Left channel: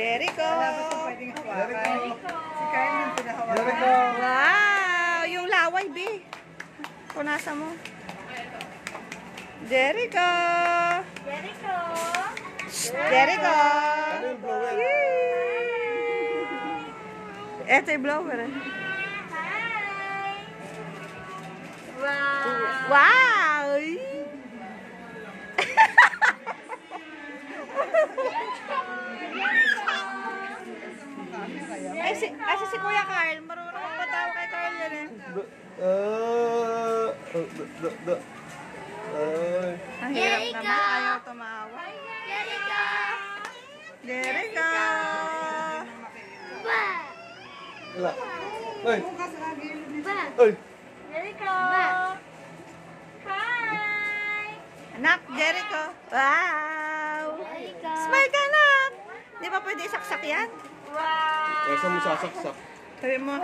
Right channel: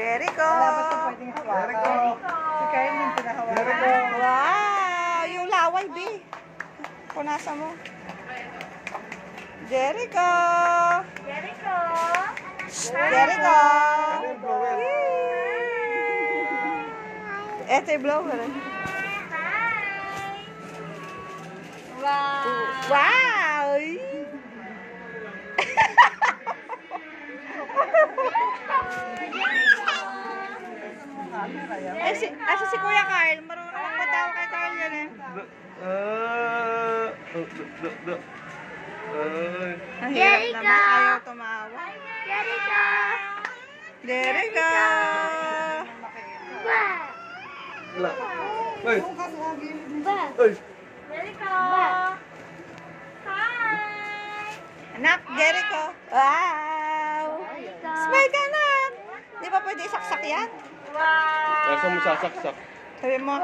Jericho! Jericho! Si Kyle nang pinahawakan. Jericho! Wow! Yung laway, B. Punasan mo. Jericho! Jericho! Jericho! Ano yung blower? Eto yung blower. Hi! Wow! Wow! Ay, si Kuya Carl. Marunong magpatawa kay Carl yan eh. Ang hirap naman. Ayaw tumawa. Jericho! Jericho! Ba! Wala. Uy! Ba! Uy! Jericho! Hi! Anak, Jericho. Wow! Jericho! Smile ka na! Di ba pwede isaksak yan? Wow! Nasa mo sasaksak? Sabi mo,